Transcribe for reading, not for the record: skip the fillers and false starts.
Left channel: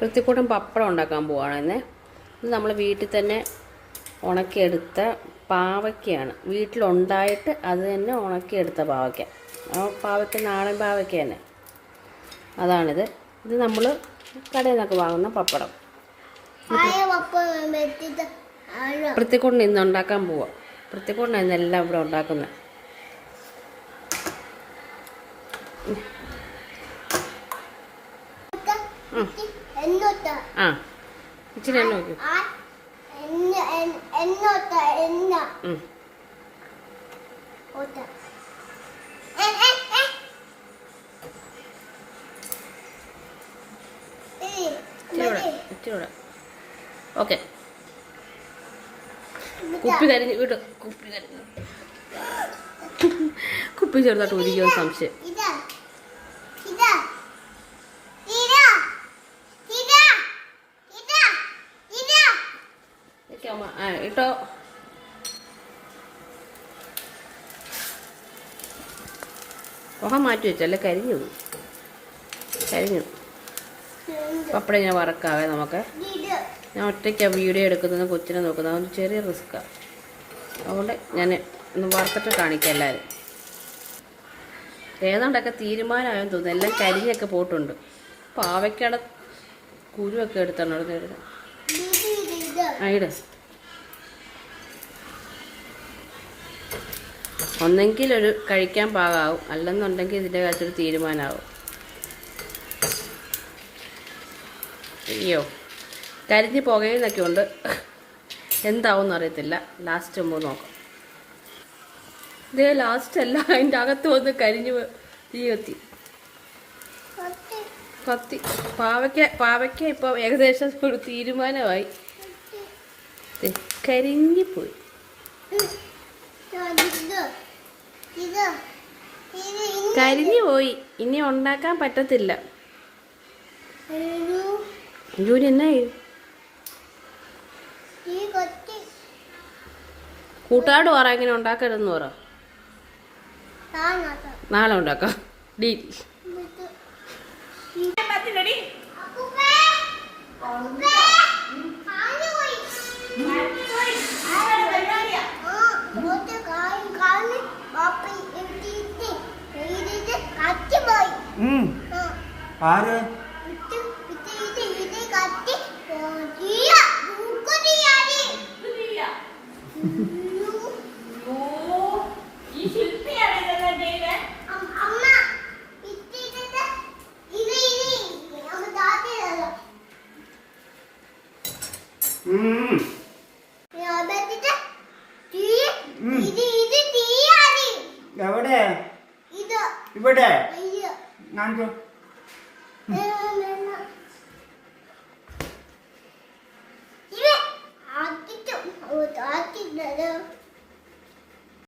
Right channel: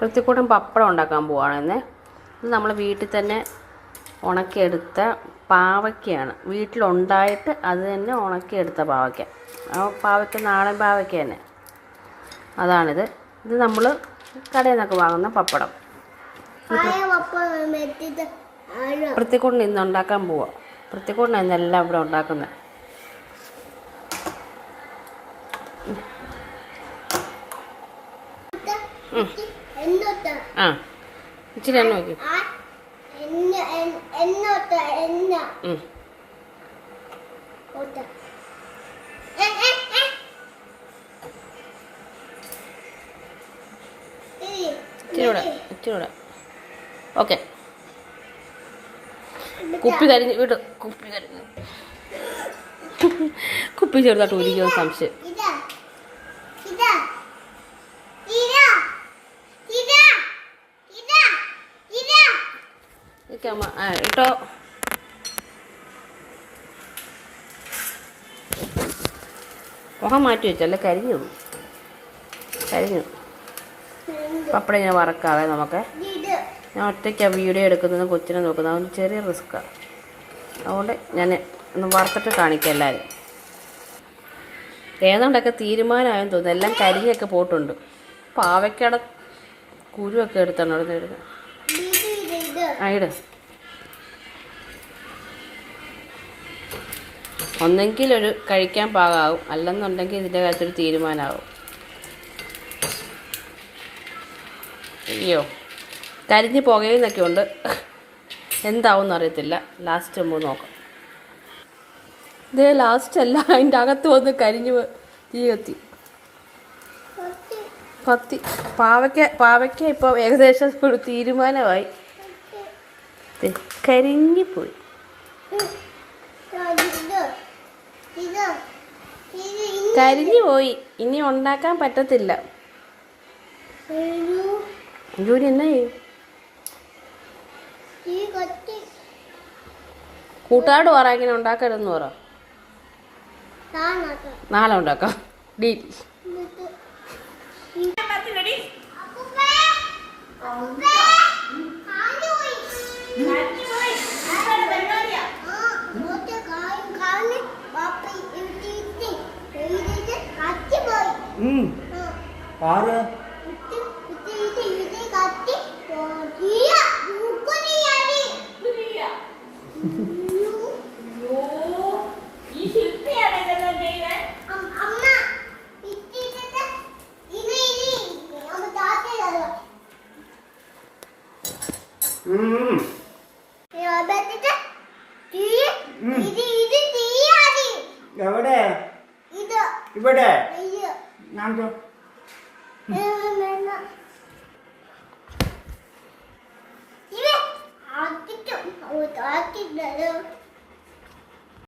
വൃത്തിക്കൂട്ടം പപ്പടം ഉണ്ടാക്കാൻ പോവാണെന്നേ. ഇത് നമ്മൾ വീട്ടിൽ തന്നെ ഉണക്കിയെടുത്ത പാവയ്ക്കയാണ്. വീട്ടിലുണ്ടായിട്ട് അത് തന്നെ ഉണക്കിയെടുത്ത പാവയ്ക്ക. ആ പാവയ്ക്ക നാടൻ പാവയ്ക്ക തന്നെ, അതാണിത്. ഇത് നമ്മൾ കടയിൽ നിന്നൊക്കെ വാങ്ങുന്ന പപ്പടം. വൃത്തിക്കൂട്ടിന് ഇന്ന് ഉണ്ടാക്കാൻ പോവാം. വൃത്തിക്കൂട്ടിന് ഇന്നെല്ലാം ഇവിടെ ഉണ്ടാക്കുന്നത്. ആ ഇച്ചിരി എണ്ണ വയ്ക്കും. ഇച്ചിരി ഓക്കെ. കുപ്പി കരിഞ്ഞ് വിട്. കുപ്പി കരിഞ്ഞു. കുപ്പി ചെറുതായിട്ട് ഒരിക്കലും സംശയം. ഇട്ടോ മുഖം മാറ്റി വെച്ചല്ലേ, കരിഞ്ഞു. പപ്പടം ഇങ്ങനെ വറക്കാവേ നമുക്ക്. ഞാൻ ഒറ്റയ്ക്കാണ് വീഡിയോ എടുക്കുന്നത്, കൊച്ചിനെ നോക്കുന്നത്. അതൊന്ന് ചെറിയ റിസ്ക്കാണ്. അതുകൊണ്ട് ഞാൻ ഒന്ന് വറുത്തിട്ട് കാണിക്കാം എല്ലാവരും. ഏതാണ്ടൊക്കെ തീരുമാനമായെന്ന് തോന്നുന്നു. എല്ലാം കരിഞ്ഞൊക്കെ പോയിട്ടുണ്ട്. പാവയ്ക്കട കുരുവൊക്കെ എടുത്താണ് അവിടെ നിന്ന്. ഇട്. ഒന്നെങ്കിൽ ഒരു കഴിക്കാൻ പാകമാവും, അല്ലെന്നുണ്ടെങ്കിൽ ഇതിൻ്റെ കാര്യത്തൊരു തീരുമാനമാവും. അയ്യോ, കരിഞ്ഞ് പുകയുന്നൊക്കെ ഉണ്ട്. എന്താവും എന്നറിയത്തില്ല. ലാസ്റ്റ് നമുക്ക് നോക്കാം. ഇതേ ലാസ്റ്റ് അല്ല, അതിൻ്റെ അകത്ത് വന്ന് കരിഞ്ഞ് തീ കത്തി. പാവയ്ക്ക ഇപ്പോൾ ഏകദേശം ഒരു തീരുമാനമായി. കരിഞ്ഞിപ്പോയി. കരിഞ്ഞു പോയി. ഇനി ഉണ്ടാക്കാൻ പറ്റത്തില്ല. ജോലി എന്നാ കൂട്ടുകാരോട് പറ, ഇങ്ങനെ ഉണ്ടാക്കരുതെന്ന് പറ. നാളെ ഉണ്ടാക്കാം. ഡീൽ. എവിടെ? ഇവിടെ ഞാൻ